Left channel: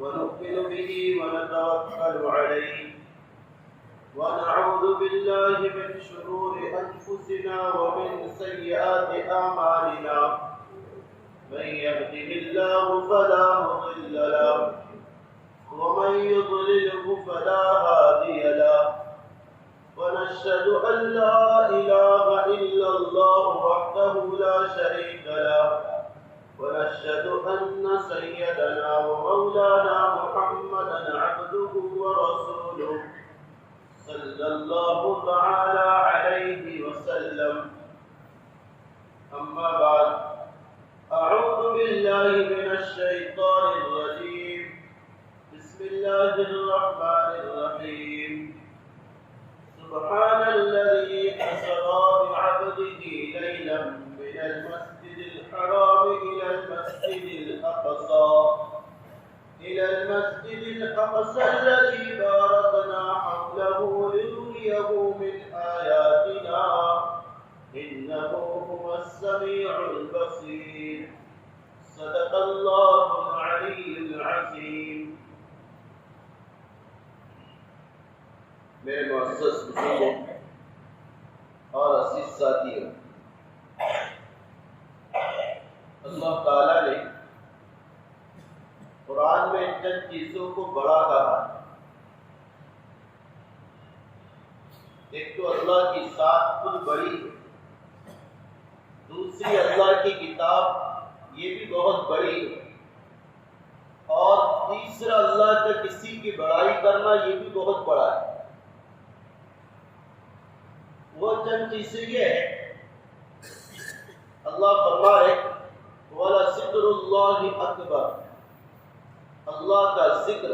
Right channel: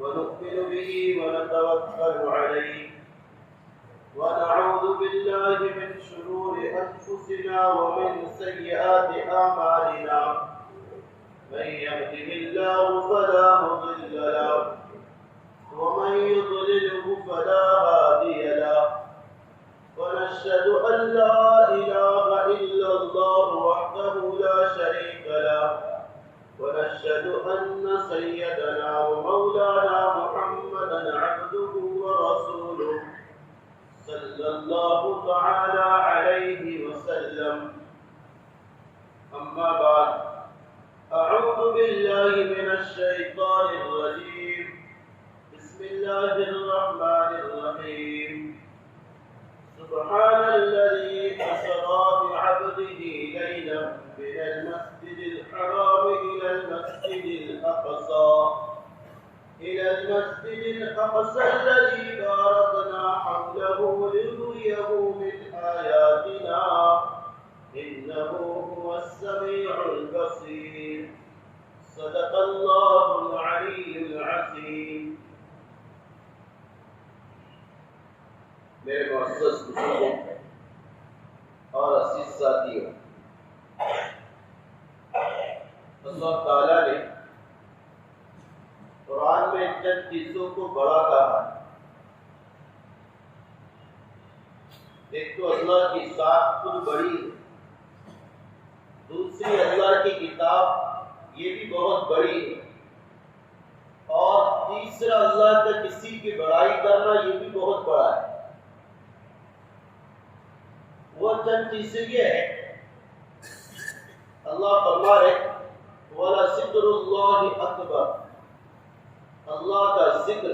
ونؤمن به ونتوكل عليه ونعوذ بالله من شرور أنفسنا ومن سيئات أعمالنا من يهده الله فلا مضل له ومن يضلله فلا هادي له ونشهد أن لا إله إلا الله وحده لا شريك له ونشهد أن سيدنا ومولانا محمدا عبده ورسوله صلى الله تعالى عليه وسلم. أما بعد، أعوذ بالله من الشيطان الرجيم. بسم الله الرحمن الرحيم. سبحان الذي أسرى بعبده ليلا من المسجد الحرام إلى المسجد الأقصى الذي باركنا حوله لنريه من آياتنا إنه هو السميع البصير. صدق الله العلي العظيم. میرے معزز بزرگوں اور عزیز ساتھیوں، اللہ تعالیٰ نے قرآن میں چند چیزوں کو بڑا کہا ہے. ایک تو اللہ کی ذات خود بڑی ہے، دوسری اللہ کی کتاب یہ بھی بہت بڑی ہے، اور تیسرا اللہ کا کسی کی بڑائی کرنا یہ بھی بہت بڑا ہے. وہ چند چیزیں یہ ہے، اللہ فرما رہے وَلَذِكْرُ اللَّهِ أَكْبَرُ، اللہ کا ذکر،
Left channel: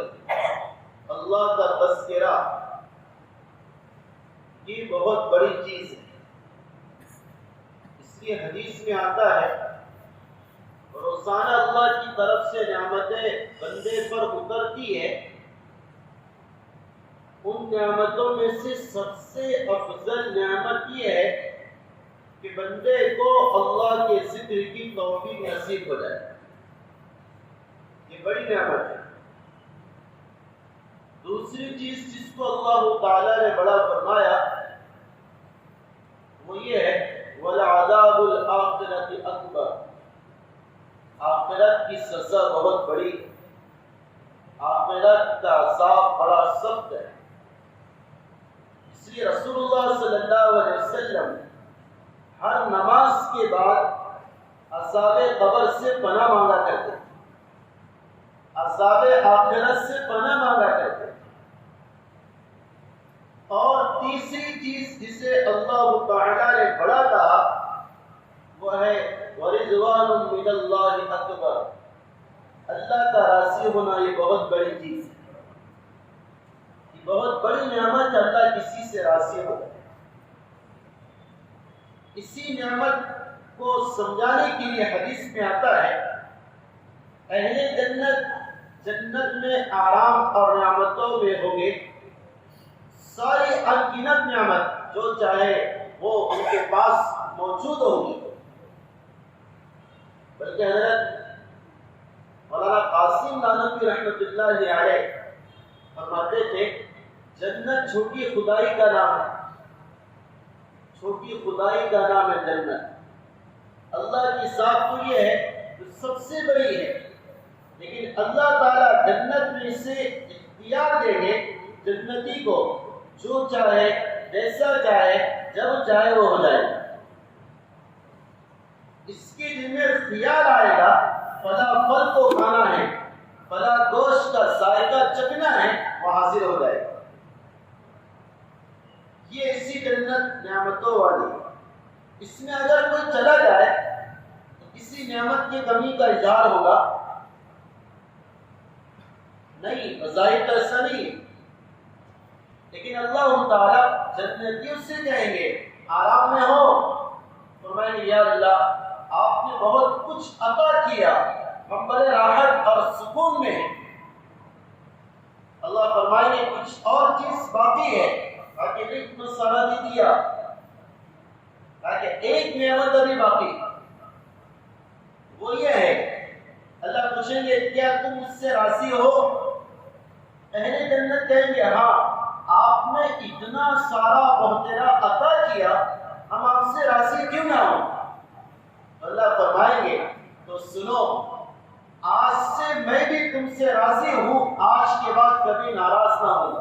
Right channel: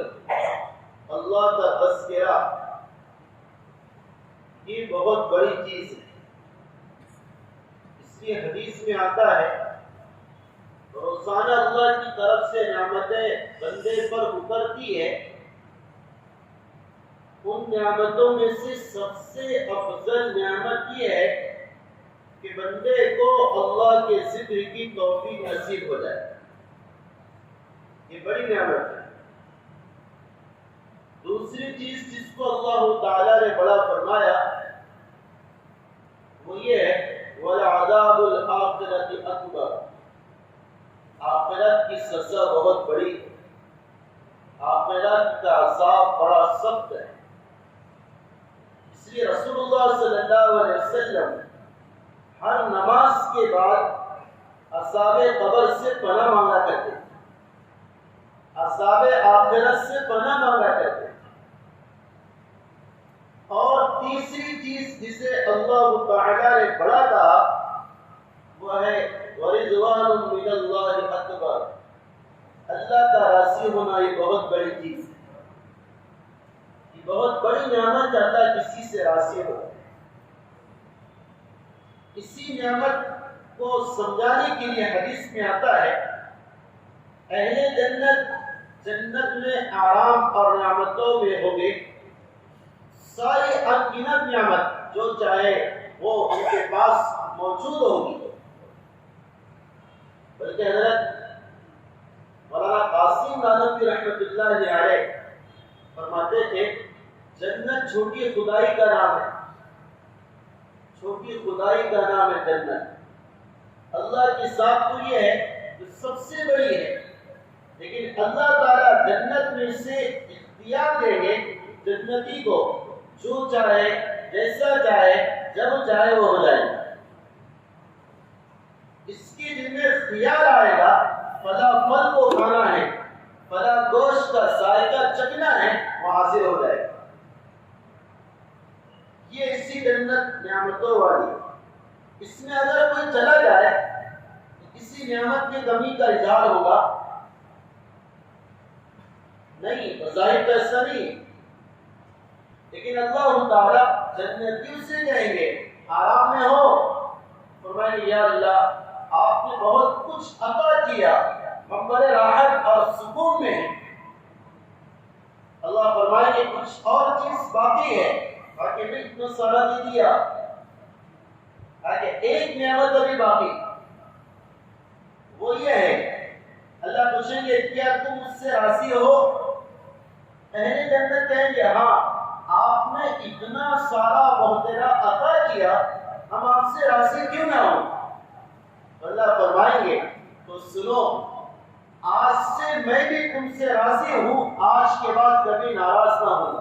اللہ کا تذکرہ یہ بہت بڑی چیز ہے. اس لیے حدیث میں آتا ہے روزانہ اللہ کی طرف سے نعمتیں بندے پر اترتی ہے، ان نعمتوں میں سے سب سے افضل نعمت یہ ہے کہ بندے کو اللہ کے ذکر کی توفیق نصیب ہو جائے. یہ بڑی نعمت ہے. دوسری چیز جس کو اللہ تعالی نے بڑا فرمایا وہ یہ ہے وَلَعَذَابُ الْآخِرَةِ أَكْبَرُ، آخرت کی سزا بہت بڑی ہے، آخرت کا عذاب بڑا سخت ہے. اس لیے رسول اللہ صلی اللہ علیہ وسلم ہر نماز کے بعد عذاب قبر سے پناہ مانگا کرتے، عذاب آخرت سے پناہ مانگا کرتے. اور تیسری چیز جسے اللہ تعالی نے بڑا کہا وہ ہے وَرِضْوَانٌ مِّنَ اللَّهِ أَكْبَرُ، اللہ کا راضی ہونا یہ بہت بڑی چیز ہے. یہ بہت بڑی نعمت اللہ کسی سے راضی ہو. اسی نعمت کو سمجھانے کے لیے حدیث میں آتا ہے اہل جنت جنت میں آرام اور نعمتوں میں ہوں گے، ساری انگنت نعمت جو چاہے وہ ان کے پاس موجود ہوگی. بلکہ حضرت مولانا قاسم نانوتوی رحمۃ اللہ علیہ فرماتے تھے جنت چھوٹی خدائی کا نام ہے، چھوٹی خدائی کا نام ہے جنت. اللہ کی ذات تو یہ ہے جو سب سے بڑی ہے، لیکن اللہ تعالیٰ جنت میں سے اختیار دیں گے جنتی کو، جو چاہے جیسا چاہے جب چاہے وہ ہو جائے. اس کے دل میں اختیار آئے گا فلاں پھل کو کھانا ہے، فلاں گوشت کا ذائقہ چکھنا ہے، وہ حاضر ہو جائے گا. یہ اسی جنت نعمتوں والی ہے. اس میں اگر کوئی چلا جائے تو کسی نعمت کی کمی کا اظہار ہوگا؟ نہیں، بظاہر تو ایسا نہیں. لیکن اللہ تعالیٰ جنتیوں سے کہیں گے آرام میں ہو، فرمائیں گے یا اللہ آپ نے بہت کچھ عطا کیا، ہم بڑے راحت اور سکون میں ہیں. اللہ فرمائیں گے کچھ اور چیز باقی ہے، تاکہ رزق سارا دے دیا، تاکہ ایک نعمت ابھی باقی، وہ یہ ہے اللہ پوچھیں گے کیا تم مجھ سے راضی ہو؟ اہل جنت کہیں گے ہاں، آپ نے اتنا سارا بہترا عطا کیا، ہم آپ سے راضی کیوں نہ ہوں؟ اللہ فرمائیں گے تو سنو، آج سے میں بھی تم سے راضی ہوں، آج کے بعد کبھی ناراض نہ ہوں۔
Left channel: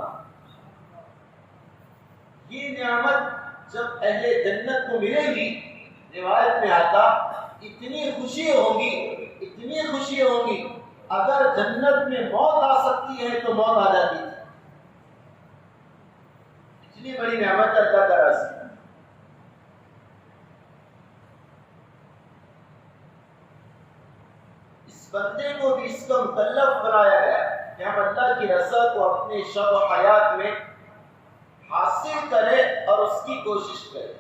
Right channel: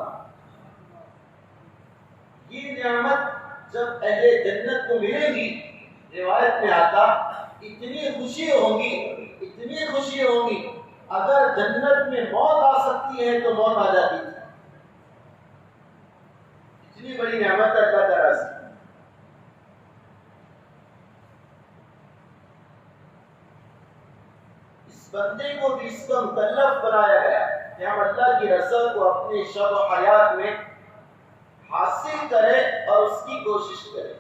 یہ نعمت جب اہل جنت کو ملے گی، روایت میں آتا اتنی خوشی ہوگی، اتنی خوشی ہوگی، اگر جنت میں موت آ سکتی ہے تو موت آ جاتی تھی، اتنی بڑی نعمت اللہ کا رزق۔ اس بندے کو بھی اس کا مکلف بنایا گیا کہ ہم اللہ کی رضا کو اپنے شب و حیات میں حاصل کرے اور اس کی کوشش کرے،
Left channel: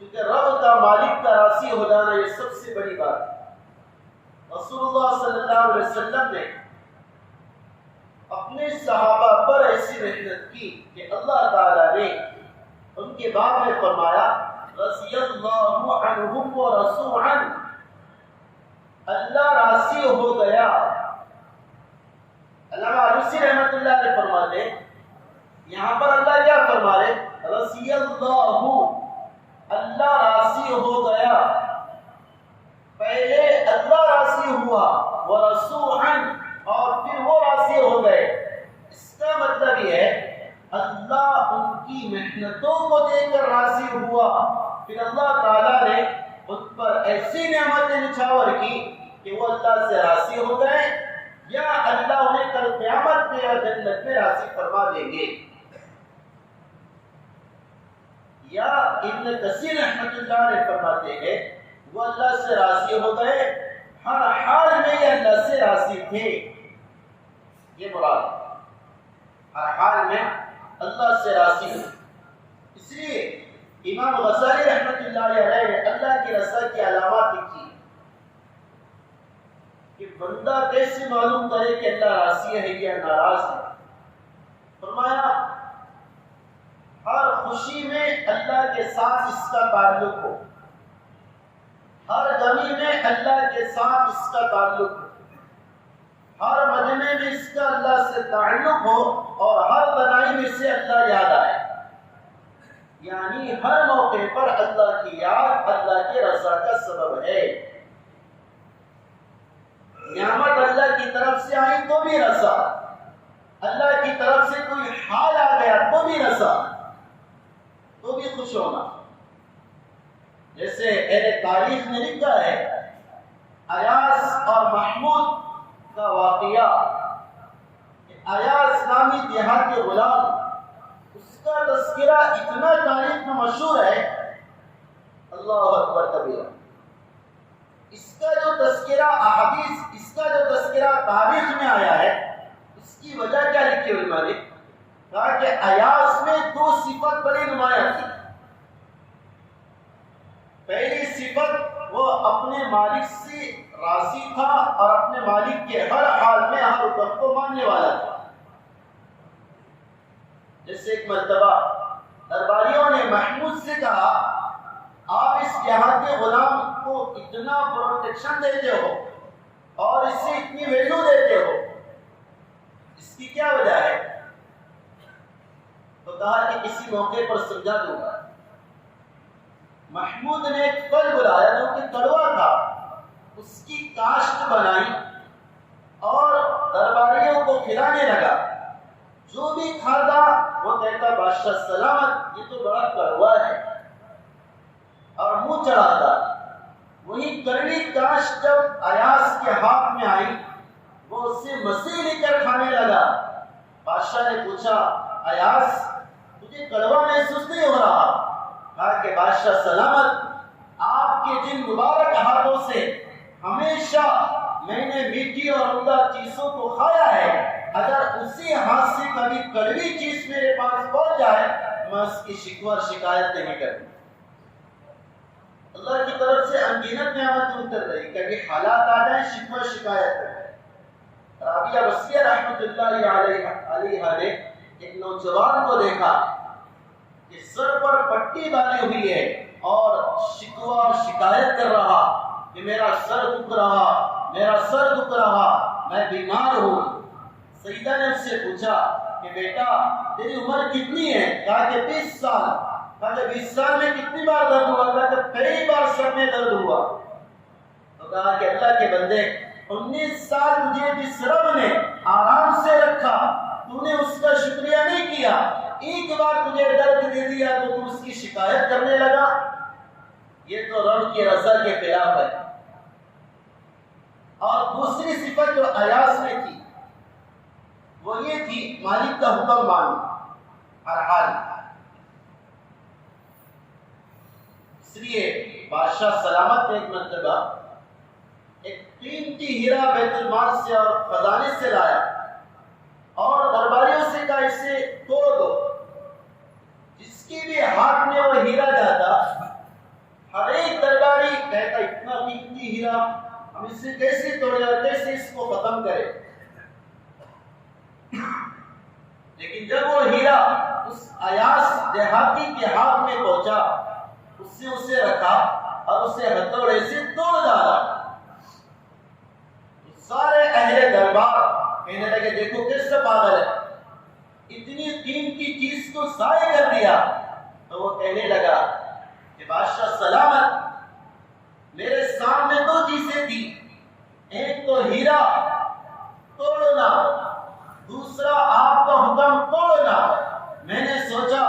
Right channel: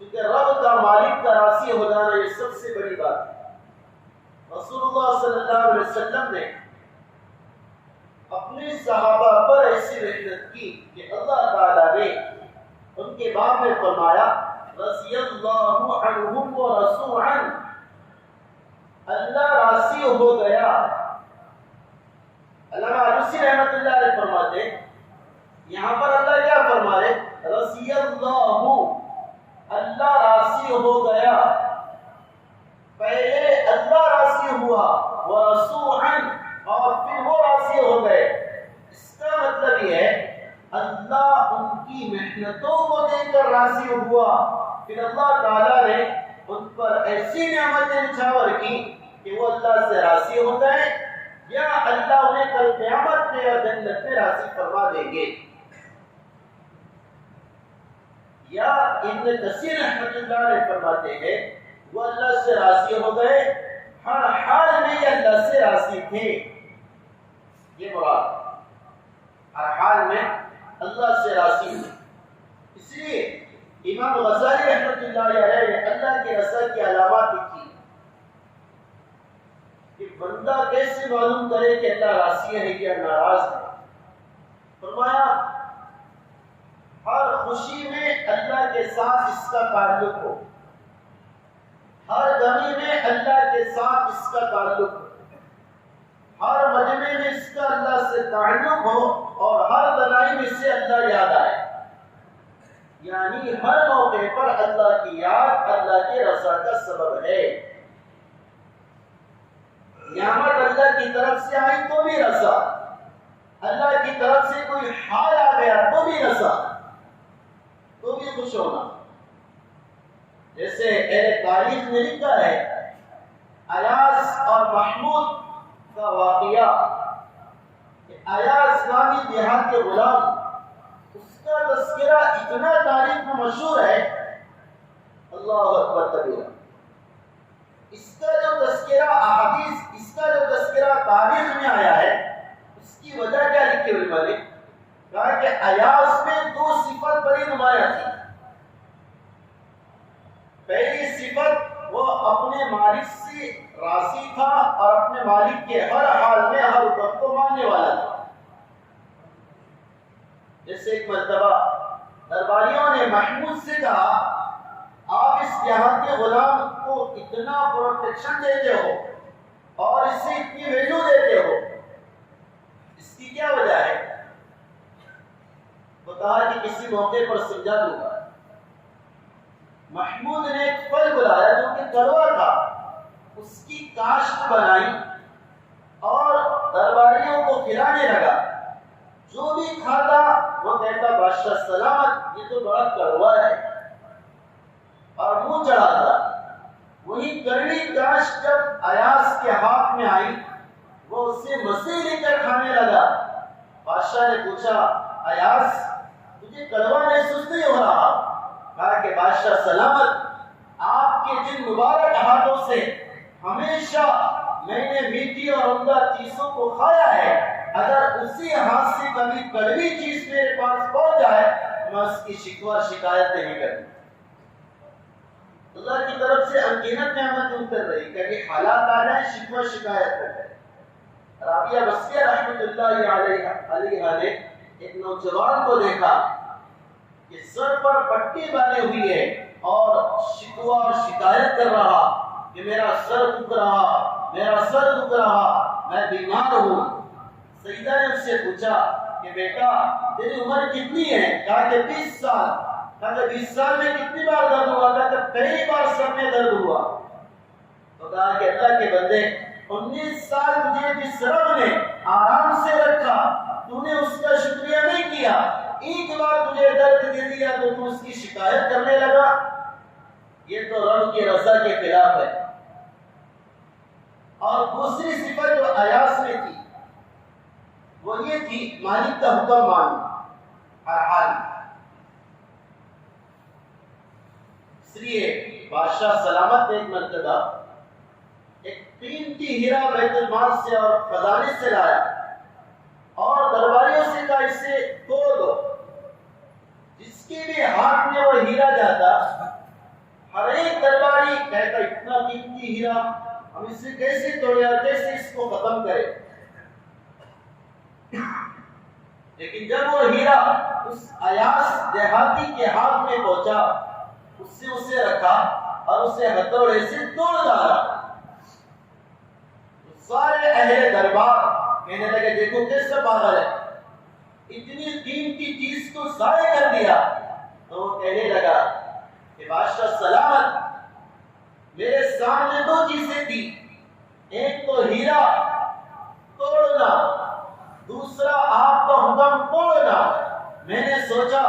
کیونکہ رب کا مالک کا راضی ہو جانا یہ سب سے بڑی بات ہے۔ رسول اللہ صلی اللہ علیہ وسلم نے اپنے صحابہ پر ایسی محنت کی کہ اللہ تعالیٰ نے ان کے بارے میں فرمایا رضی اللہ عنہم و رضوا عنہ، اللہ راضی ہو گیا۔ علامہ علوسی رحمۃ اللہ علیہ فرماتے ہیں یہاں پر اللہ کیا فرما رہے؟ رضی اللہ، اللہ راضی ہو گیا، پہلے اللہ راضی ہوا، ورضوا عنہ، اور پھر وہ راضی ہو گئے۔ اس کا مطلب یہ ہے اللہ ان کی محنتوں کو دیکھ کر راضی ہوا، پھر اللہ تعالیٰ نے ان پر ایسی نعمتیں نچھاور کی کہ وہ اللہ سے راضی ہو گئے، یا اللہ انہیں کل قیامت میں اور جنت میں راضی فرما دیں گے۔ یا ابن کثیر رحمۃ اللہ علیہ فرماتے ہیں وہ اللہ سے راضی ہو گئے، ہر حال میں یہ اللہ سے راضی تھے، یہ مراد، ہر حال میں اللہ سے راضی ہوئے۔ اس لیے امام غزالی رحمۃ اللہ علیہ نے اللہ کی رضا کی علامات لکھی کہ بندہ کیسے معلوم کرے کہ اللہ راضی ہے یا ناراض ہے۔ فرمایا ہر خوشی میں اللہ کے ساتھ اس کا تعلق ہو، ہر غمی میں اللہ کے ساتھ اس کا تعلق ہو، ہر مجمع میں اس کا اللہ سے تعلق ہو، اور ہر تنہائی میں سے اللہ یاد آئے، یعنی ہر موقع پر اللہ کی یاد اللہ کی رضا کا سبب ہے۔ نعمت اللہ کی طرف سے آئی تو بھی رضا، اللہ کی طرف سے کوئی حال آ گیا تو بھی رضا، تو بھی خوش ہونا۔ جیسے تاریخ میں لکھا ہے ایاز اور محمود کا واقعہ، ایاز نامی دیہاتی غلام، اس کا تذکرہ اتنا تاریخ میں مشہور ہے، اللہ اکبر کبیرہ۔ اس کا جو تذکرہ احادیث، اس کا جو تذکرہ تاریخ میں آیا ہے، اس کی وجہ کیا لکھی ہوئی مالک؟ کہا کہ ایاز میں دو صفت بڑی نمایاں تھی۔ پہلی صفت وہ اپنے مالک سے راضی تھا اور اپنے مالک کے ہر حال میں ہر حکم کو ماننے والا تھا۔ جیسے ایک مرتبہ درباریوں نے محمود سے کہا آپ اس یہاں کے غلام کو اتنا پروٹیکشن دیتے ہو اور اسے اتنی ویلیو دیتے ہو، اس کی کیا وجہ ہے؟ تو کہا کہ کسی موقع پر سمجھا دوں گا۔ محمود نے ایک پھل بلایا جو کہ کڑوا تھا، اس کی کاشت بنائی اور درباریوں کو کھلانے لگا۔ جو بھی کھاتا وہ کہتا بادشاہ سلامت، یہ تو بڑا کڑوا ہے، اور منہ چڑھاتا۔ وہی کڑوی کاشت جب ایاز کے ہاتھ میں آئی، وہ اسے مسیح لے کر کھانے لگا۔ بادشاہ نے پوچھا ایاز تجھے کڑوا محسوس نہیں ہو رہا؟ کہا کہ بادشاہ سلامت، آپ کے جن مبارک ہاتھوں سے ہمیشہ میں نے میٹھی اور عمدہ چیزوں کو کھایا ہے، اگر اسی ہاتھ سے کبھی کڑوی چیز میرے پاس پہنچ جائے میں اس کی شکوہ اور شکایت نہیں کروں۔ اللہ کی طرف سے انگنت نعمتیں اتر رہی، کبھی حالات آ جائیں شکوہ شکایت کر جائے۔ رابعہ وصیہ رحمۃ اللہ علیہ نے ایک نوجوان کو دیکھا کہ سر پر پٹی باندھی ہوئی ہے اور شکوہ اور شکایت کر رہا کہ میرا سر دکھ رہا، میں بیمار ہوں۔ سیدہ نے اس سے پوچھا کہ بیٹا تیری عمر کتنی ہے؟ کہا کہ 20 سال۔ کہا کہ 20 سال میں کتنی بار درد ہوا؟ کہا کہ پہلی بار سر میں درد ہوا۔ تو کہا کہ اللہ کے بندے 19 سال تجھے جس رب نے آرام سے رکھا تو نے اس کا شکریہ نہیں کیا، ایک بار تجھے درد دے دیا تو تو اس کی شکایت کرنے لگا، یہ تو رب کی رضا کے خلاف ہے۔ اور دوسری صفت جو ایاس میں تھی وہ یہ تھی مالک کا حکم ماننا ہر حال۔ اس لیے بادشاہ سلامت نے ایک مرتبہ ایک قیمتی ہیرا بیت المال سے اور خزانے سے لایا اور درباریوں سے کہا اسے توڑ دو۔ جس کے بھی ہاتھ میں وہ ہیرا جاتا ہر ایک درباری کہتا اتنا قیمتی ہیرا ہم اس سے کیسے توڑے اور کیسے اس کو ختم کرے؟ لیکن جب وہ ہیرا اس ایاس دیہاتی کے ہاتھ میں پہنچا، اس سے اسے رکھا اور اسے ہتھوڑے سے توڑ ڈالا۔ سارے اہل دربار کہنے لگے دیکھو کیسا پاگل ہے، اتنی قیمتی چیز کو ضائع کر دیا۔ تو وہ کہنے لگا کہ بادشاہ سلامت میرے سامنے 2 چیزیں تھی، ایک تو ہیرا توڑنا، دوسرا آپ کا حکم توڑنا۔ میں نے سوچا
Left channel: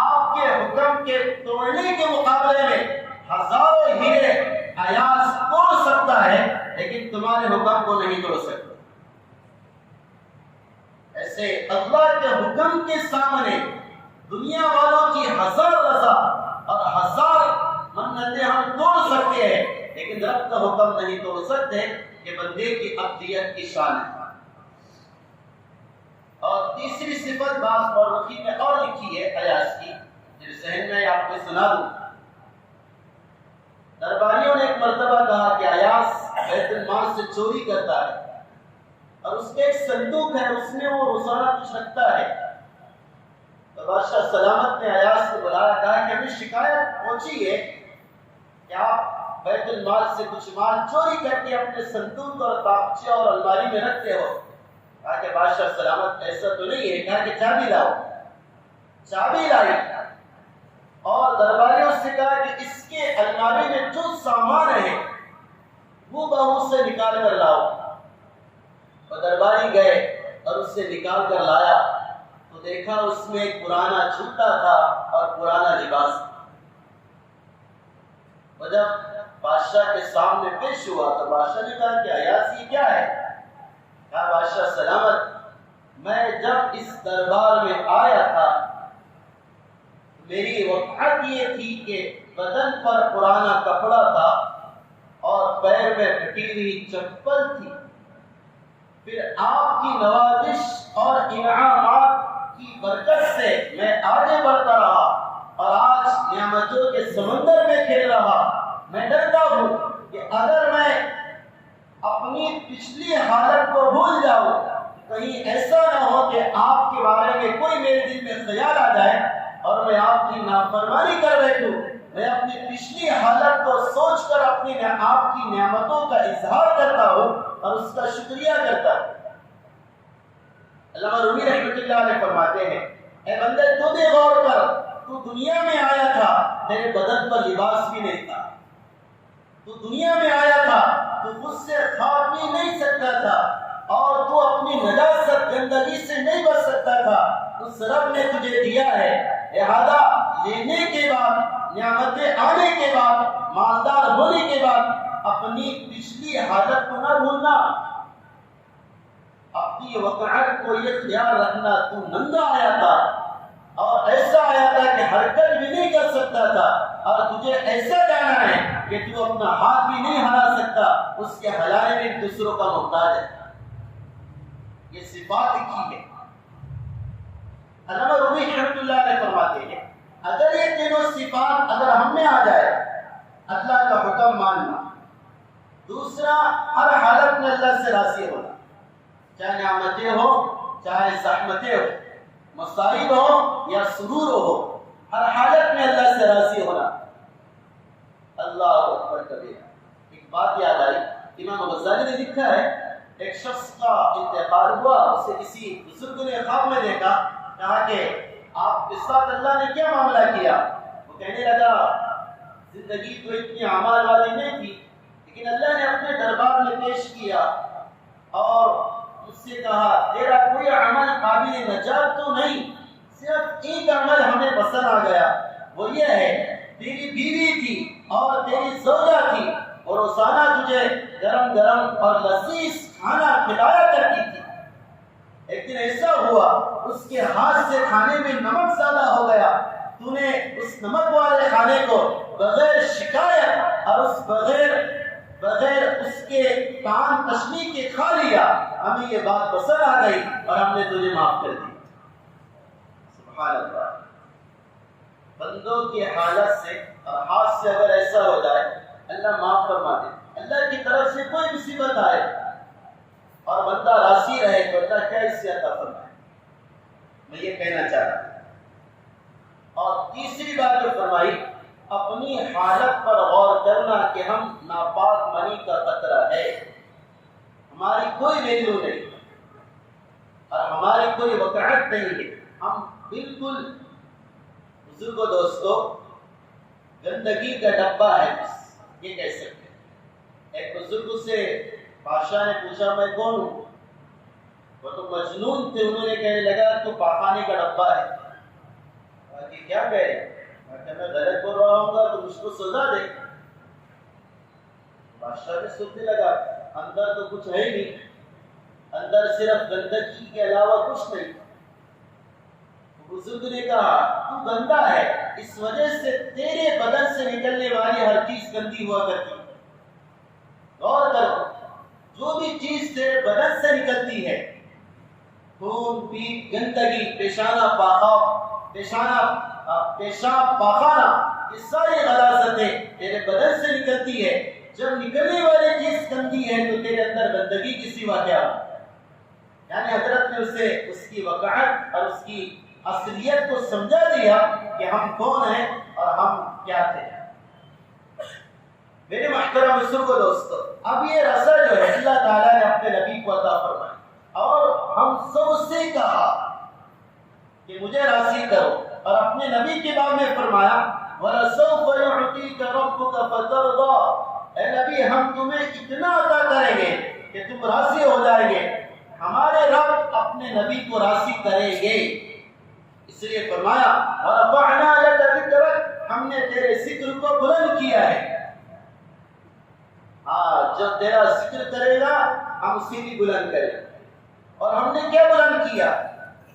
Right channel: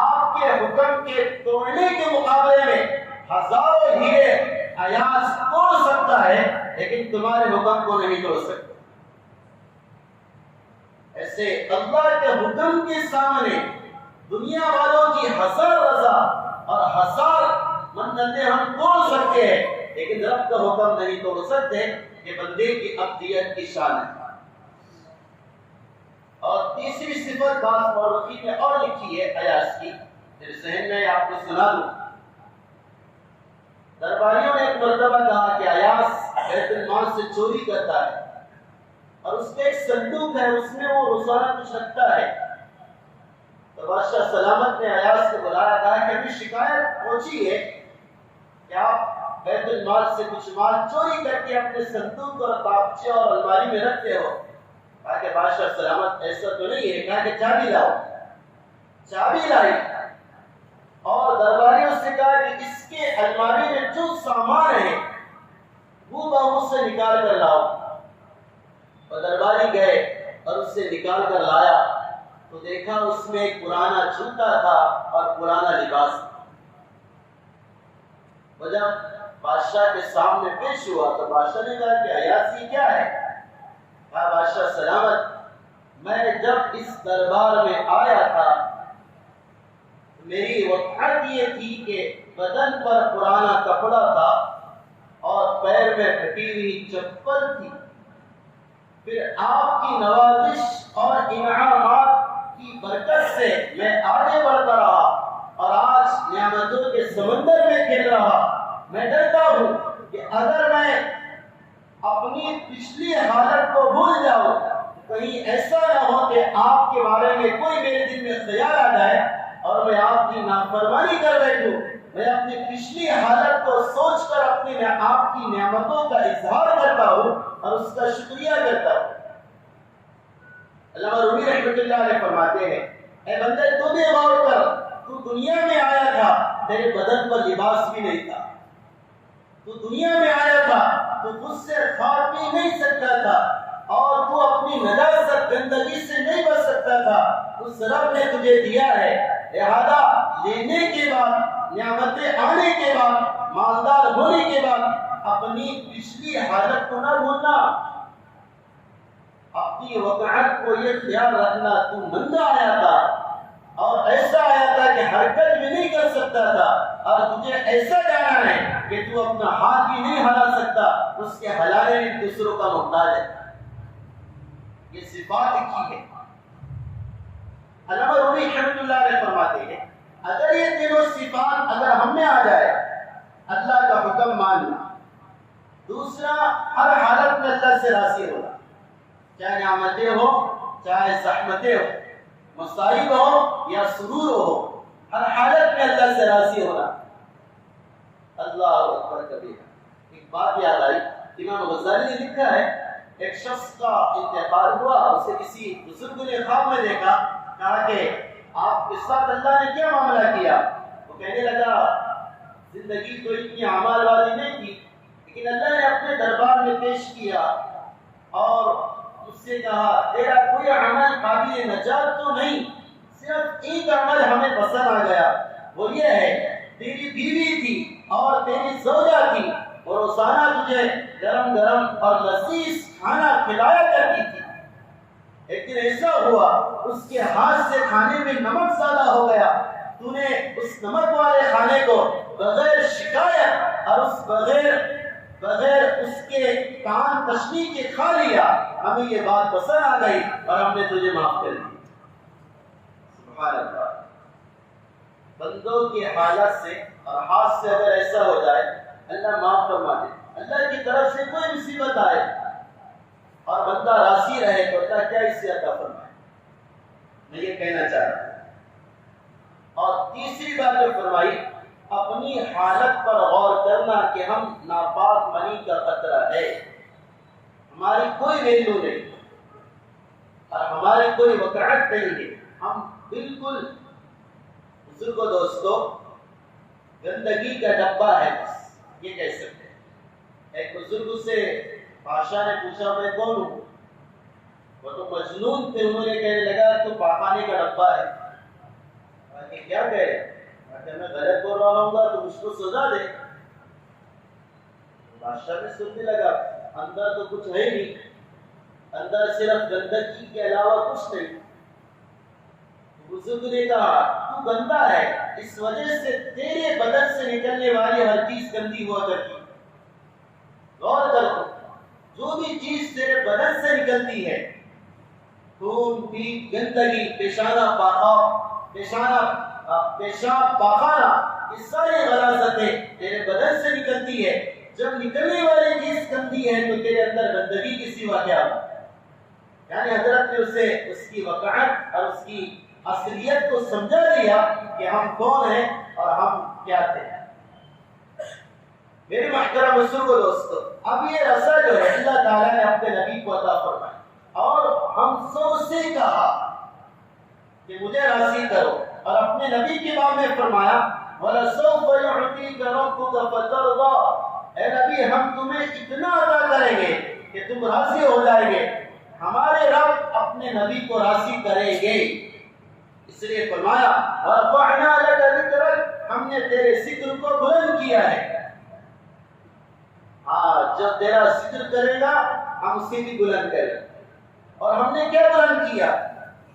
آپ کے حکم کے توڑنے کے مقابلے میں ہزاروں ہیرے ایاس توڑ سکتا ہے لیکن تمہارے حکم کو نہیں توڑ سکتا۔ ایسے اللہ کے حکم کے سامنے دنیا والوں کی 1000 رضا اور 1000 منتیں ہم توڑ سکتے ہیں لیکن رب کا حکم نہیں توڑ سکتے۔ یہ بندے کی عبدیت کی شان ہے۔ اور تیسری صفت بعض مورخین میں اور لکھی ہے ایاس کی، میرے ذہن میں آپ کو سنا دوں۔ درباریوں نے ایک مرتبہ کہا کہ ایاس بیت المال سے چوری کرتا ہے اور اس کے ایک صندوق ہے، اس میں وہ روزانہ کچھ رکھتا ہے۔ تو بادشاہ سلامت نے ایاس کو بلایا، کہا کہ ہمیں شکایت پہنچی ہے کہ آپ بیت المال سے کچھ مال چوری کر کے اپنے صندوق اور تاپچے اور الماری میں رکھتے ہو۔ کہا کہ بادشاہ سلامت ایسا تو نہیں ہے۔ کہا کہ چابی لاؤ۔ چابی لائی اور درباریوں سے کہا کہ اس کے الماری میں جو سامان ہے وہ بہو سے نکال کر لاؤ۔ اور درباری گئے اور اس سے نکال کر لایا تو دیکھا اس میں ایک پرانا جوتا تھا اور پرانا لباس تھا۔ اور جب بادشاہ کے سامنے پیش ہوا تو بادشاہ نے کہا کہ ایاس یہ کیا ہے؟ کہا بادشاہ سلامت میں جب اس دربار میں آیا تھا میری وقت یہ تھی کہ بدن پر پرانا کپڑا تھا اور پیر میں پھٹی ہوئی چپل تھی، پھر آپ کی نوازش اور انعامات کی برکت سے میں آگے بڑھتا رہا اور آج نعمتوں کے سمندر میں کھیل رہا۔ میں ڈرتا ہوں کہ اگر میں اپنی پچھلی حالت کو بھول جاؤں، کہیں ایسا نہ ہو کہ آپ کے بارے میں کوئی میرے دل میں خیال آ جائے اور میں آپ کی نافرمانی کر بیٹھوں۔ میں اپنی پچھلی حالت کو سوچ کر اپنی آپ کی نعمتوں کا اظہار کرتا ہوں اور اس کا شکریہ کرتا ہوں۔ علامہ رومی رحمۃ اللہ علیہ فرماتے ہیں اے بندے تو بھی غور کر، تو دنیا میں آیا تھا تیرے بدن پر لباس بھی نہیں تھا، تو دنیا میں آیا تھا تو خود سے کھا پی نہیں سکتا تھا اور تو اپنی نجاست گندگی سے نہیں بچ سکتا تھا۔ اس رب نے تجھے دیا ہے، لہذا لینے کے بعد، نعمتیں آنے کے بعد، مالدار ہونے کے بعد اپنی پچھلی حالت کو نہ بھولنا، اپنی وقعت کو یہ خیال رکھنا تو ننگا آیا تھا اور ایسا آیا تھا کہ حرکت بھی نہیں کر سکتا تھا، اور تجھے ایسا جانا ہے کہ تو اپنا ہاتھ بھی نہیں ہلا سکتا، اس کے ہلانے میں دوسروں کا محتاج ہے۔ یہ صفات لکھی ہے۔ علامہ رومی رحمۃ اللہ علیہ فرماتے ہیں اگر یہ تینوں صفات اگر ہم میں آ جائے، اللہ کا حکم ماننا، دوسرا ہر حالت میں اللہ سے راضی ہونا، چاہے نعمتیں ہو چاہے زحمتیں ہو، مصائب ہو یا سرور ہو، ہر حالت میں اللہ سے راضی ہونا۔ اللہ اکبر کبیرہ۔ ایک بات یاد آئی، امام غزالی نے لکھا ہے ایک شخص کا انتقال ہوا، اسے کسی بزرگ نے خواب میں دیکھا، کہا کہ آپ اس وقت اللہ نے کیا معاملہ کیا؟ وہ کہنے لگا زندگی تو اتنی اعمال والی نہیں تھی، لیکن اللہ نے اپنے دربار میں پیش کیا اور اس سے کہا تیرا کوئی عمل قابل نجات تو نہیں، صرف ایک عمل ہمیں پسند آ گیا، وہ یہ ہے تیری بیوی تھی اور تیری زوجہ تھی، اور روزانہ تجھے گرم گرم اور لذیذ کھانا کھلایا کرتی تھی، ایک دن ایسا ہوا اس کے ہاتھ سے کھانے میں نمک زیادہ ہو گیا، تو نے اس نمک والے کھانے کو بغیر شکایت اور بغیر اس کے کان تشنی کے کھا لیا، ہمیں یہ بات پسند آ گئی اور ہم نے تجھے معاف کر دی۔ سبحان اللہ، بندوں کی حالت سے اور ہاتھ سے اگر ایسا ہو جائے اللہ معاف فرما دے۔ اللہ کی طرف سے کوئی مصیبت آئے اور بندہ راضی رہے تو اللہ کیا اس سے عطا فرمائے، میں یہ کہنا چاہ رہا ہوں۔ اور تیسری بات جو فرمائی، اپنی حالت پر غور کرنا کہ ہم ناپاک منی کا خطرہ ہے، ہماری کوئی ویلیو نہیں اور ہماری کوئی وقعت نہیں ہے، ہم بالکل بزرگ و دوستو گندگی کا ڈبہ ہے، بس یہ کہہ سکتے ہیں۔ ایک بزرگ سے بادشاہ نے پوچھا میں کون ہوں؟ وہ تو مجنون تھے، انہوں نے کہنے لگا تو پاخانے کا ڈبہ ہے۔ کہ کیا کہے؟ کہ میں غلط بول رہا ہوں گا تو مجھ کو سزا دے۔ بادشاہ نے سننے لگا اندر تو کچھ ہے نہیں، اندر صرف گندگی کے علاوہ کچھ نہیں۔ بزرگ نے کہا تو گندا ہے، اس وجہ سے تیرے بدن سے نکلنے والی ہر چیز گندی ہوا کرتی۔ غور کرو، جو بھی چیز تیرے بدن سے نکلتی ہے، خون بھی، گندگی، پیشاب پاخانہ، یہ ساری غلاظتیں تیرے بدن سے نکلتی ہے۔ جب نکلنے والی چیز گندی ہے تو تیرے اندر گندگی کی سوا کیا ہو؟ یعنی حضرت نے اسے اس کی وقعت اور اس کی اصلیت کو سمجھا دیا کہ ہم کون ہیں اور ہم کیا تھے۔ میرے محترم بزرگ و دوستو، اب یہ رسا جو ہے اللہ تعالیٰ نے اپنے نبی کو عطا فرمائی اور ہم سب سے کہا کہ مجھے راضی کرو، اور اپنے نبی کے بارے میں فرمایا وَلَسَوْفَ يُعْطِيكَ رَبُّكَ فَتَرْضَىٰ، اے نبی ہم تمہیں اتنا عطا کریں گے کہ تم راضی ہو جائیں گے۔ ہمارے رب اپنے نبی کو راضی کریں گے، اس لیے فرمایا وَرَفَعْنَا لَكَ ذِكْرَكَ، ہم نے تیرے ذکر کو بلند کیا ہے۔ جب تیرا ذکر کرے گا ہم اسے بھی بلند کریں گے، اور ہم نے کیا بلند کیا؟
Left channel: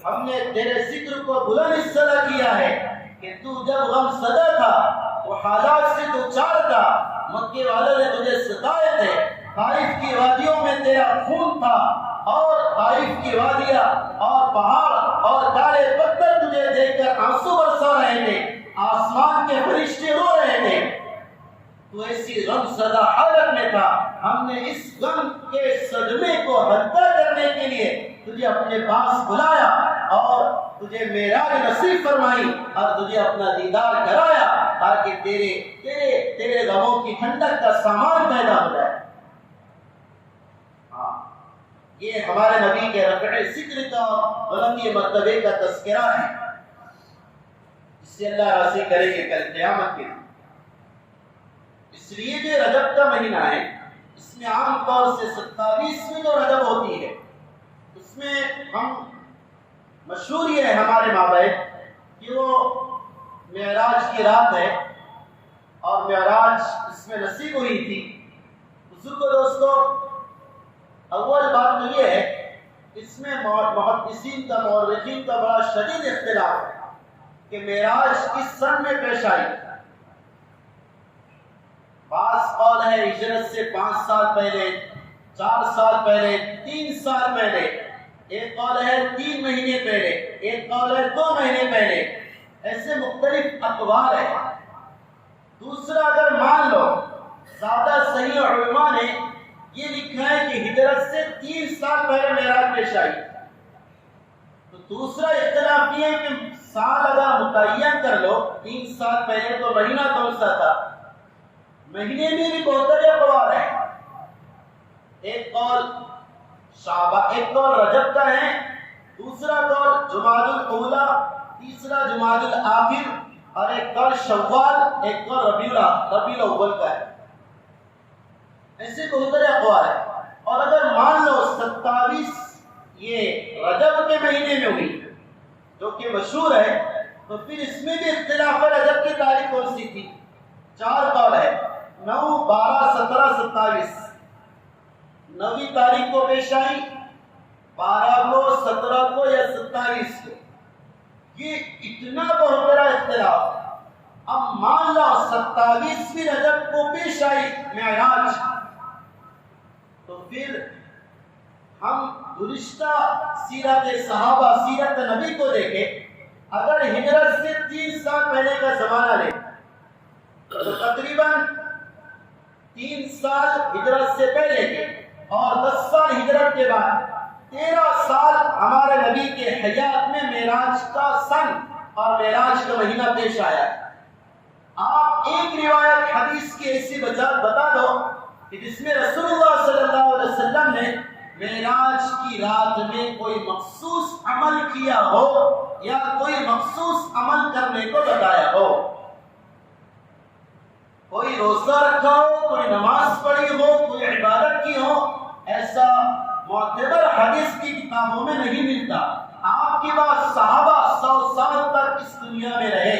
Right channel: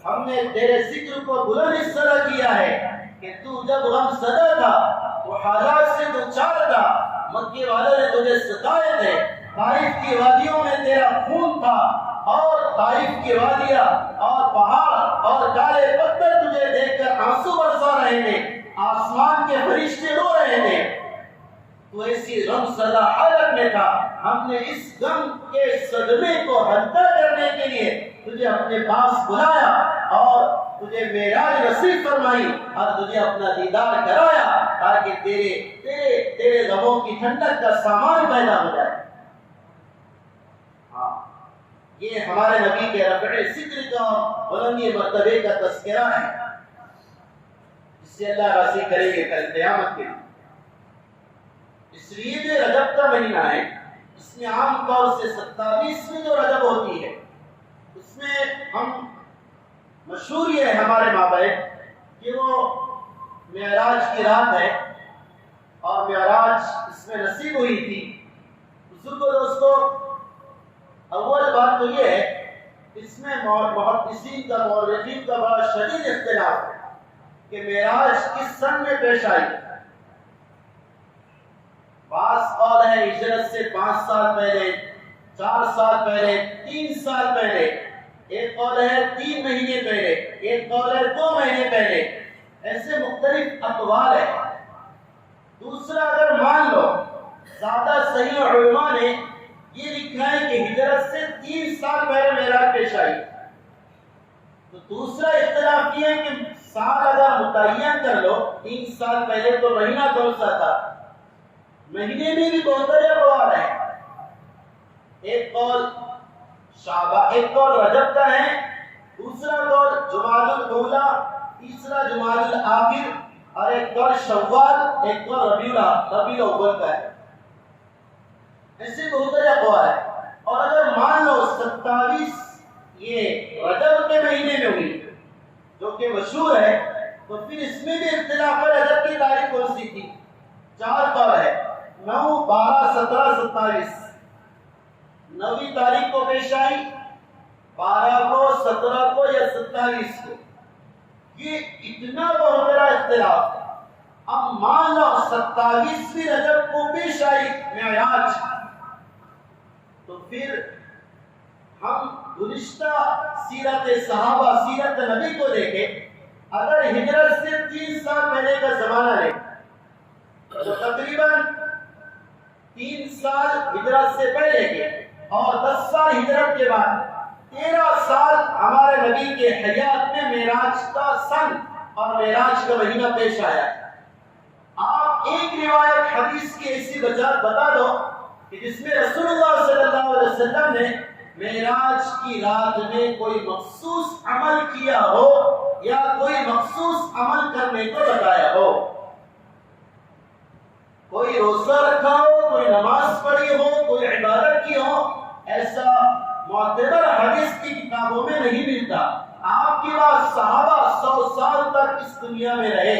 ہم نے تیرے ذکر کو بلند اس طرح کیا ہے کہ تو جب غم زدہ تھا، وہ حالات سے دوچار تھا، مکے والوں نے تجھے ستائے تھے، طائف کی وادیوں میں تیرا خون تھا، اور طائف کی وادیاں اور پہاڑ اور کالے پتھر تجھے دیکھ کر آنسو برسا رہے تھے، آسمان کے فرشتے رو رہے تھے، تو ایسی غم زدہ حالت میں تھا۔ ہم نے اس غم کے صدمے کو ہلکا کرنے کے لیے تجھے اپنے پاس بلایا اور تجھے معراج نصیب فرمائی اور تجھے اپنا دیدار کرایا تاکہ تیرے غموں کی ٹھنڈک کا سامان پیدا ہو جائے۔ یہ ہمارے نبی کے رفع ذکر کا بلندی مرتبے کا تذکرہ ہے، اس سے اللہ راضی کرے گے کل قیامت کے دن۔ اس لیے جو رجب کا مہینہ ہے، اس میں عام طور سے 27ویں جو رجب ہوتی ہے، اس میں ہم مشہور یہ ہے ہمارے مابین کہ وہ معراج کی رات ہے اور معراج اس میں نصیب ہوئی تھی۔ بزرگوں دوستو، اول بات تو یہ ہے اس میں محدثین کا مورخین کا بڑا شدید اختلاف ہے کہ معراج کس سن میں پیش آئی۔ بعض قول ہے ہجرت سے 5 سال پہلے، 4 سال پہلے، 3 سال پہلے، ایک قول ہے 3 مہینے پہلے، ایک قول ہے 2 مہینے پہلے، ایسے مختلف اقوال ہیں۔ دوسرا اگر مان لو زیادہ صحیح علماء نے یہ لکھا ہے کہ ہجرت سے 3 سال پہلے معراج پیش آئی، تو دوسرا اختلاف یہ ہے کہ سال اگر متعین کر لو 3 سال پہلے تو مہینہ کون سا تھا؟ مہینے میں بھی بہت سارے اقوال ہیں. ایک قول ایک قول رجب کا ہے، دوسرا قول جمادی الاولیٰ، تیسرا جمادی الاخر، اور ایک قول شوال، ایک قول ربیع الاول کا ہے. ایسے بہت سارے اقوال ہیں. اور اگر مان لو 27 یہ رجب کے مہینے میں ہوئی جو کہ مشہور ہے، تو پھر اس میں بھی اختلاف ہے رجب کی تاریخ کون سی تھی. 4 قول ہے، 9، 12، 17، 27. 9ویں تاریخ کو پیش آئی، 12 کو، 17 کو یا 27 کو. یہ اتنا بہت بڑا اختلاف ہے. اب مان لو 27ویں رجب کو پیش آئی معراج، تو پھر ہم گزشتہ سیرت صحابہ، سیرت نبی کو دیکھیں. اگر ہجرت سے 3 سال پہلے کا زمانہ لیں تو تقریباً 3 سال ہجرت سے پہلے کے اور 10 سال ہجرت کے بعد 13 سال ہمارے نبی کے حیات میں معراج کا سن اور معراج کا مہینہ پیش آیا. آپ ایک روایت حدیث کی ایسی بتا دو کہ جس میں رسول اللہ صلی اللہ علیہ وسلم نے معراج کی رات میں کوئی مخصوص عمل کیا ہو یا کوئی مخصوص عمل کرنے کو بتایا ہو. کوئی روزہ رکھا ہو، کوئی نماز پڑھی ہو، کوئی عبادت کی ہو، ایسا معتبر حدیث کی کتابوں میں نہیں ملتا. آپ کے بعد صحابہ 100 سال تک اس دنیا میں رہے.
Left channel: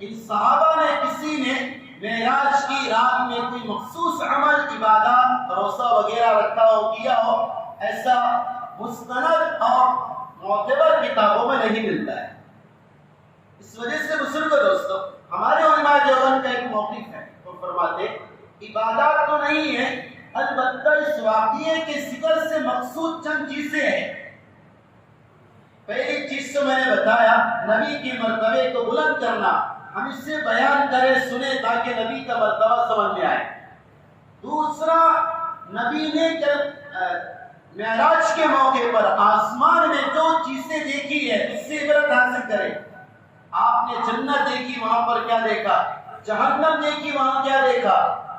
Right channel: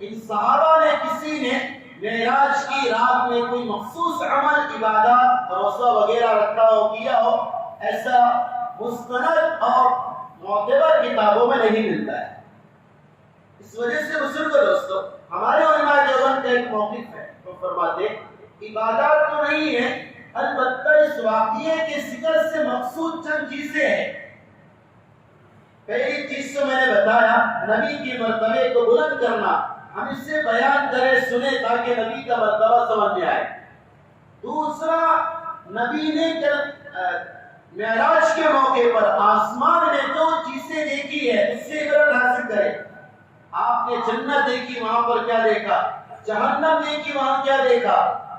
ان صحابہ نے کسی نے معراج کی رات میں کوئی مخصوص عمل، عبادت، روزہ وغیرہ رکھا ہو، کیا ہو، ایسا مستند اور معتبر کتابوں میں نہیں ملتا ہے. اس وجہ سے بزرگوں دوستو، ہمارے علماء دیوبند کا ایک موقف ہے، وہ فرماتے عبادات تو نہیں ہے، البتہ اس واقعے کے ذکر سے مقصود چند چیزیں ہیں. پہلی چیز تو میں نے بتایا نبی کے مرتبے کو بلند کرنا. ہم اس سے بیان کریں، سنیں تاکہ نبی کا مرتبہ سمجھ میں آئے. دوسرا، نبی نے معراج کے موقع پر آسمان میں جو چیزیں دیکھی ہے اس سے عبرت حاصل کریں. آپ نے جنت دیکھی، وہاں پر کیا دیکھا، جہنم دیکھی، وہاں کیا دیکھا،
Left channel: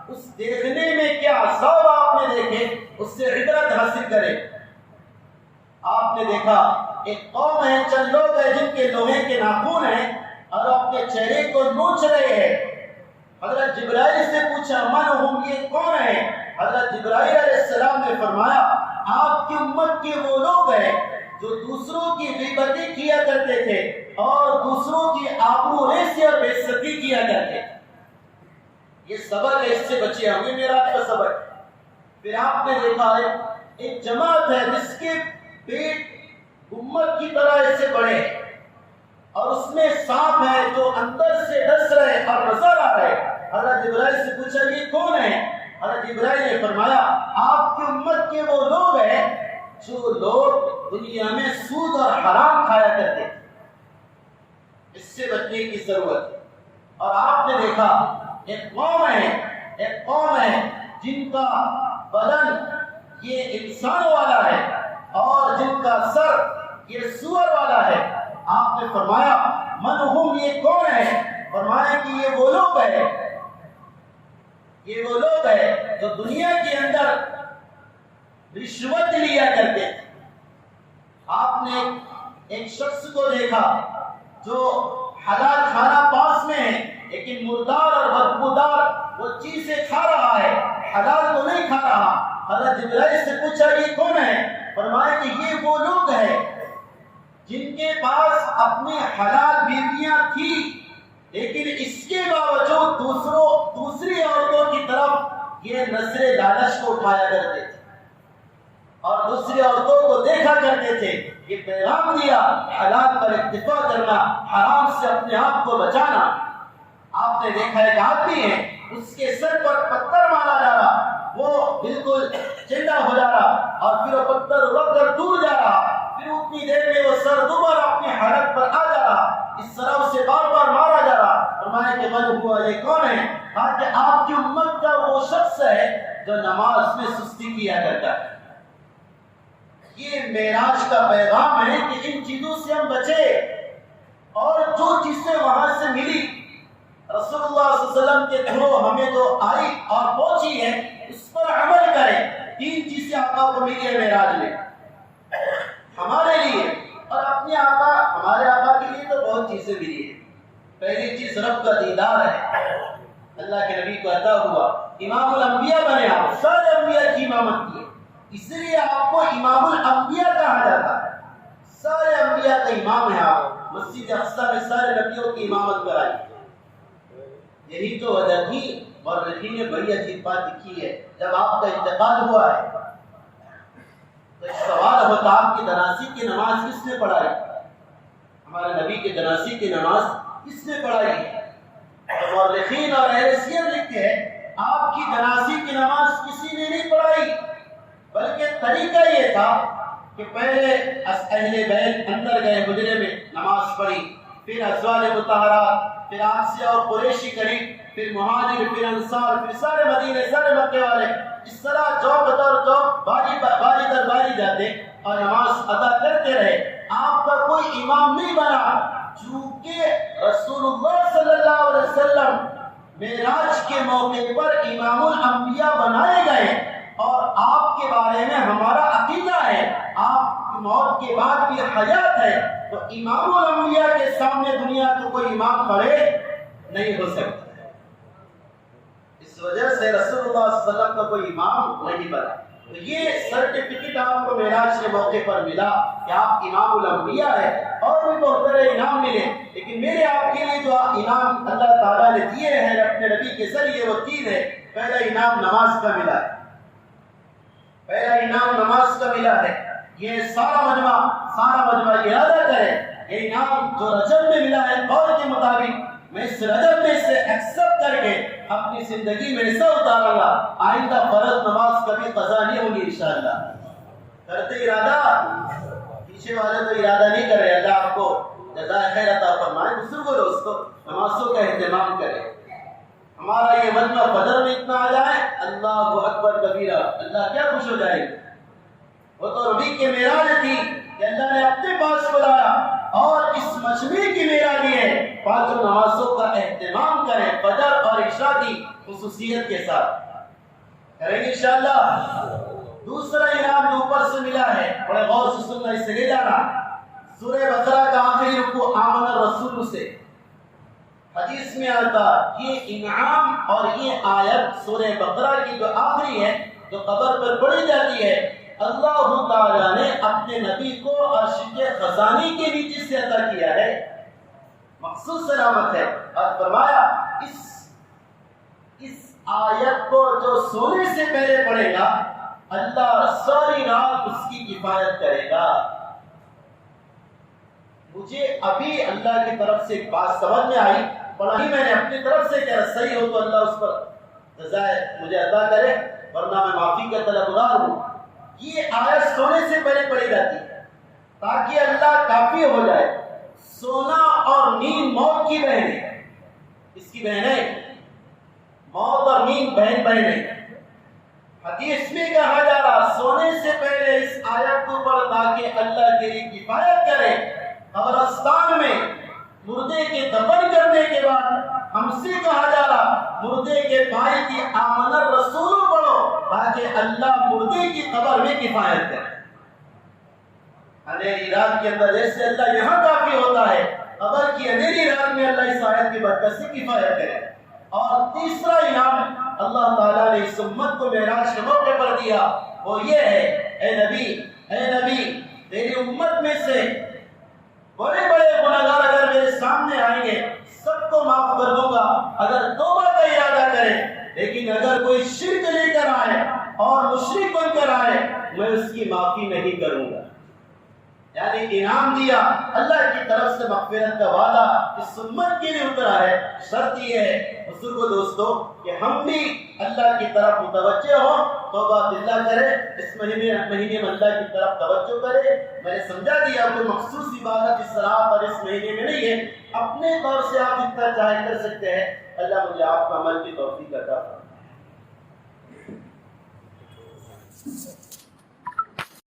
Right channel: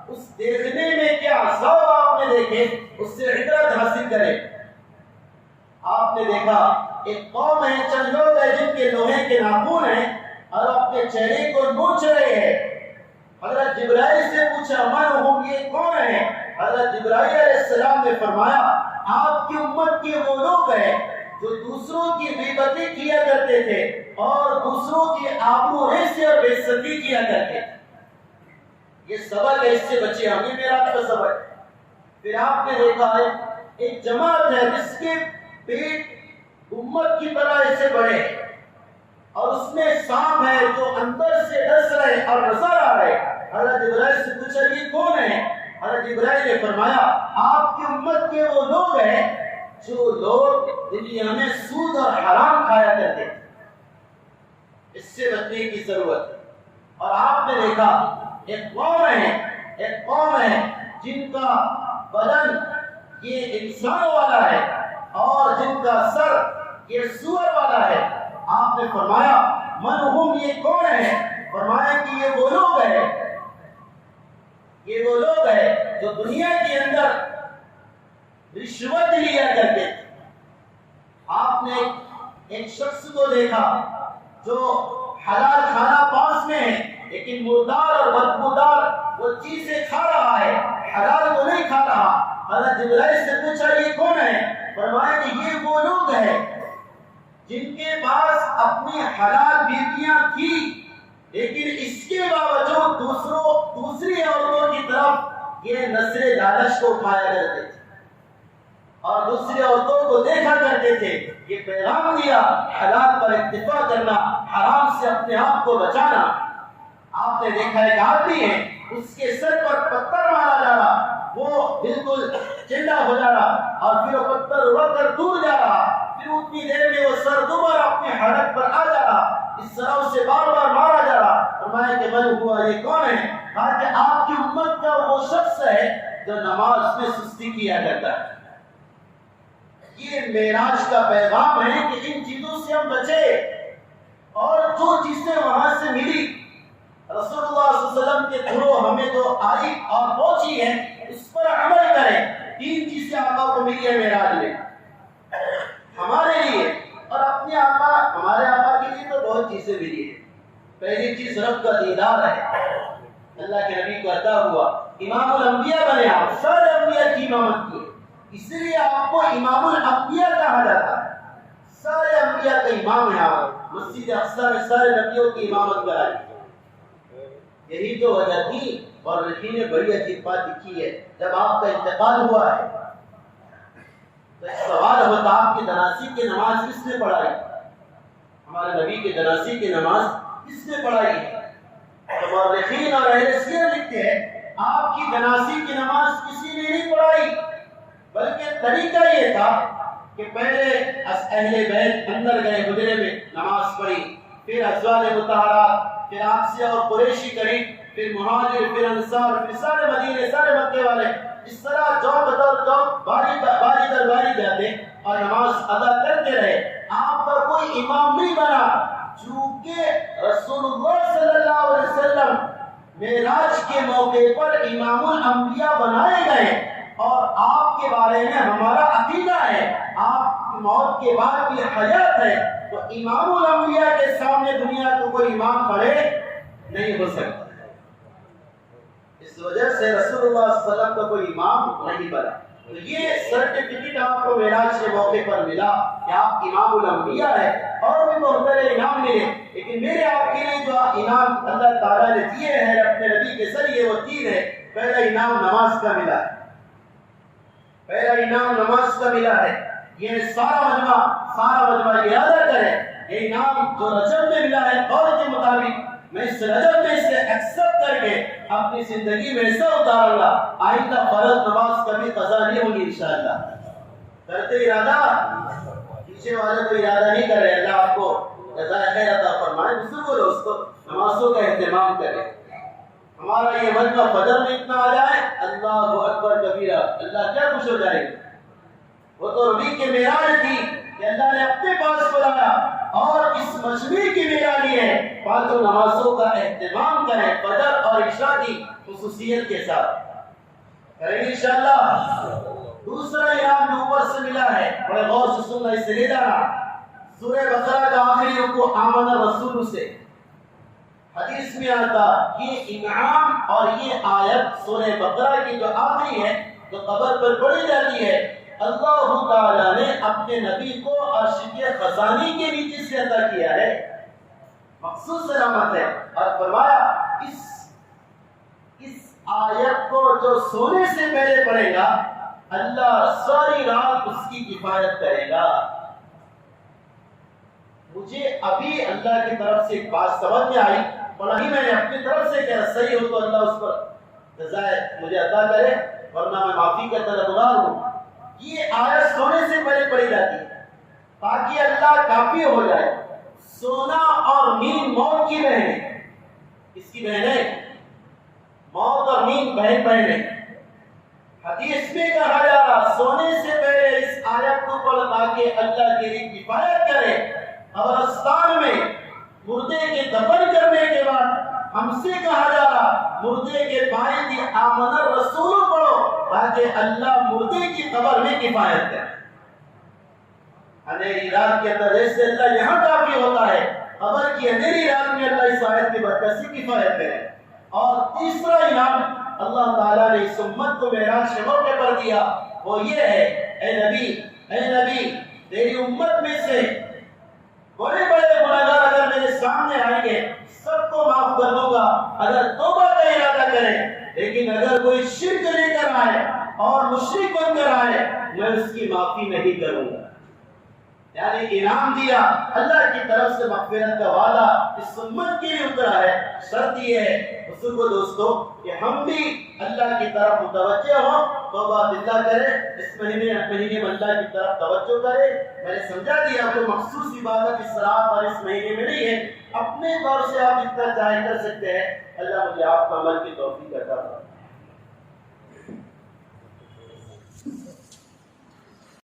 اس دیکھنے میں کیا عذاب آپ نے دیکھے، اس سے عبرت حاصل کریں. آپ نے دیکھا ایک قوم ہے، چند لوگ ہیں جن کے لوہے کے ناخن ہیں اور اپنے چہرے کو نوچ رہے ہیں. حضرت جبرائیل سے پوچھا من ہم، یہ کون ہیں؟ حضرت جبرائیل علیہ السلام نے فرمایا آپ کی امت کے وہ لوگ ہیں جو دوسروں کی غیبتیں کیا کرتے تھے اور دوسروں کی آبرو ریزی اور بے عزتی کیا کرتے تھے. یہ سبق ہے، اس سے بچے. ہمیں معراج کا سبق. پھر آپ نے دیکھا ہے ایک جماعت ہے جس کے پیٹ امت کی طرح ایسے بڑے اور اس میں سانپ ہے جو اندر سے ڈس رہے اور نظر آ رہے. حضرت جبرائیل سے پوچھا یہ کون ہے؟ حضرت جبرائیل نے فرمایا آپ کی امت کے وہ لوگ ہیں جو لوگ دنیا میں سود اور حرام کھایا کرتے تھے. اس سے بچنے کی ضرورت ہے. اور آپ نے دیکھا ایک قوم ہے جن کا بدن یہ انسان والا ہے اور جن کا سر یہ سور والا ہے. آپ نے فرمایا من ہم، یہ کون ہے؟ فرمایا کہ یہ وہ لوگ ہیں جو دنیا کے اندر رشوت لیا کرتے تھے. آپ نے ایک شخص کو دیکھا جو حلال کھانا پاس میں ہے لیکن مردار اور بدبودار وہ چیزیں کھا رہا ہے، حلال تو نہیں کھا رہا. حضرت جبرائیل سے پوچھا یہ کون ہے؟ فرمایا کہ یہ وہ لوگ ہیں جن کے پاس اپنی حلال بیویاں تھیں لیکن اس کے باوجود دوسری عورتوں کی طرف یہ نظر لالچ کو اٹھایا کرتے تھے اور دوسری عورتوں کو دیکھا کرتے تھے. یہ پیغام دیا حلال پر اکتفا کرنا، حرام سے اپنے آپ کو بچانا. آپ نے دیکھا ایک آدمی ہے اس کے سر پر پتھر مارا جا رہا، وہ بالکل چندا ہو جا رہا اور پھر وہ پتھر اڑ کر دور جا رہا. پھر اتنی دیر میں وہ سر دوبارہ اپنی حالت پر آ جا رہا. اس طرح اسے بار بار مارا جا رہا. فرمایا کہ من ہوا، یہ کون ہے؟ کہا کہ آپ کی امت کا وہ شخص ہے جو نماز میں سستی کیا کرتا ہے. یہ معراج کا پیغام ہے کہ ان چیزوں سے ہم بچے اور جو چیزیں وہاں سے ملی رسول اللہ صلی اللہ علیہ وسلم کے تھرو ہمیں جو آئی اور پہنچی ہے اس پر عمل کریں. 3 چیزیں آقا کو ملی ہے معراج میں ہمارے لیے، اور اپنے آقا ہمارے آقا کے لیے تو بہت چیزیں ملی ہیں. پہلی چیز رب کا دیدار ہے، اللہ کے نبی کو عطا ہوا، امام الانبیاء بنے آپ، سارے انبیاء کی امامت کی، اس لیے آپ کو امام الانبیاء کہا جاتا ہے. سارے انبیاء کا امام ہے آپ. مسجد اقصی میں سارے نبیوں کی امامت کرائی. یہی تو وجہ تھی، اور نبی نے بڑی عجیب بات لکھی ہے. جب آپ کا انتقال ہوا ہے تو سوال ہوتا آپ کی جنازے کی نماز کس نے پڑھائی؟ ہمارے نبی کے جنازے کی نماز کس نے پڑھائی؟ تو مورخین اور اہل سیر لکھتے ہیں آپ کی جنازے کی نماز کسی نے نہیں پڑھائی، بلکہ طریقہ یہ تھا کہ پہلے اہل بیت اندر گئے حجرے میں نماز پڑھی، پھر ازواج مطہرات، پھر آسیہ اور قریشی قریب، پھر مہاجر، پھر انصار، پھر سارے مدینے، سارے مکے والے، اس طرح چوک در چوک باری در باری جاتے اور نماز ادا کرتے رہے. آپ کا کوئی امام نہیں بنا، چونکہ رسول اللہ صلی اللہ علیہ وسلم معراج کے موقع پر امام الانبیاء بنائے گئے، اور آپ کے بارے میں ہمارا عقیدہ ہے آپ کی موت کے بعد بھی حیات ہے، تو امام الانبیاء کے سامنے دنیا کو کوئی امام کھڑے نہیں ہو سکتا. اس وجہ سے رسول اللہ صلی اللہ علیہ وسلم کا کوئی امام نہیں بنا. تو یہ سرٹیفکیٹ آپ کو معراج کے موقع پر ملا کہ آپ امام الانبیاء ہیں، اور بھی بہت سارے انعام ملے، لیکن میرے آپ کے لیے جو انعام اللہ تعالیٰ نے دیے ہیں اپنے نبی کے ذریعے وہ 3 ہے. پہلا انعام نماز کا ملا ہے، پہلا انعام نماز کا ملا ہے. یہ سارا مجمع ارادہ کرے یہ انعام جو رجب میں ملا ہے قول کے مطابق میں اس رجب میں سے ایکسپٹ کر کے اپنی زندگی میں ایسا اتاروں گا آئندہ فرض نماز کبھی قضا نہیں ہوگی انشاءاللہ. کرتے ارادہ، پیچھے والے تو ارادہ نہیں کر رہے. اللہ آپ کو جزائے خیر عطا فرمائے. بزرگوں دوستو نمازوں کا اہتمام کریں. ہمارا یہ مجمع بدر میں اتنا آ جائے اللہ اکبر کبیرہ، اللہ کیا خوش ہو جائے گا. وہ تو نبی کے معراج تھی کہ اللہ نے اپنے پاس بلایا، اور اس مجمع کی معراج ہے 5 نمازوں کا اہتمام کریں، فجر اور عشاء کی خصوصیت کے ساتھ کریں گے انشاءاللہ. دوسرا انعام جو اوپر سے ملا ہے بڑے غور سے سننا، اس سے لے جانا. سورہ بقرہ کا آخری رکوع آمن الرسول سے حدیث میں آتا یہ انعام اور یہ آیت سورہ بقرہ کی جو آخری ہے جو قبر پر پڑھی جاتی ہے، اللہ تعالیٰ نے اپنے نبی کو عرش کے خزانے کے نیچے سے عطا کیا ہے، مخصوص علامت ہے. اور فرمایا اس آیت کو جو سونے سے پہلے پڑھے گا اللہ ساری رات اس کی کفایت کرے گا. مجھے ابھی اللہ کی طرف سے ایک بات سمجھ میں آئی، بڑا ہی میں نے اپنی طرف سے کہا صحیح ہو تو اللہ اس پر جزائے مجھے عطا کرے، ورنہ میں معافی کا طلبگار ہوں. یہ آیت سونے سے پہلے پڑھی جاتی ہے تاکہ اللہ کافی ہو جائے. سونا اور نیند موت کی بہنیں، اس کی بہنیں موت اور نیند بہنیں. حدیث میں کہا جا رہا سونے سے پہلے اس آیت کو پڑھ تاکہ اللہ تیری کفایت کرے. قبرستان میں مردے کے دفن کرنے کے بعد ہم سے کہا جا رہا مردے کے بھائی کی آمن الرسول پڑھو تاکہ اللہ مردے کی قبر میں کفایت کرے. اندھیری رات کے اندر جیسے اللہ یہاں کافی ہوتا ہے، قبر کی اندھیری رات میں اللہ اس آیت کی برکت سے کفایت کرے. اور تیسرا انعام اللہ تعالیٰ نے اس امت کو معراج کے موقع پر دیا وہ یہ ہے، اے نبی تیری امت میں سے بڑے بڑے گناہگار اگر میرے سامنے آئیں گے سب کو معاف کر دوں گا اگر توبہ کا ارادہ کرے، لیکن اگر کوئی شرک لے کر آئے اور مشرک بن کر آئے میں اس کی معافی نہیں کروں گا. یعنی انعام دیا اللہ کی طرف سے مغفرت کا وعدہ اس امت کے لیے اترا ہے. شرط یہ ہے بزرگوں دوستو کہ ہم بھی اللہ کی طرف متوجہ ہوں، توبہ اللہ کرے، اس مہینے میں اللہ کی طرف توجہ کرے. میں نے سمجھا دیا کوئی مخصوص عبادت اس رات اور اس مہینے میں نہیں ہے، اپنے طور سے آپ جتنا چاہے کر سکتے ہیں. اللہ مجھے آپ کا عمل کی توفیق عطا فرمائے.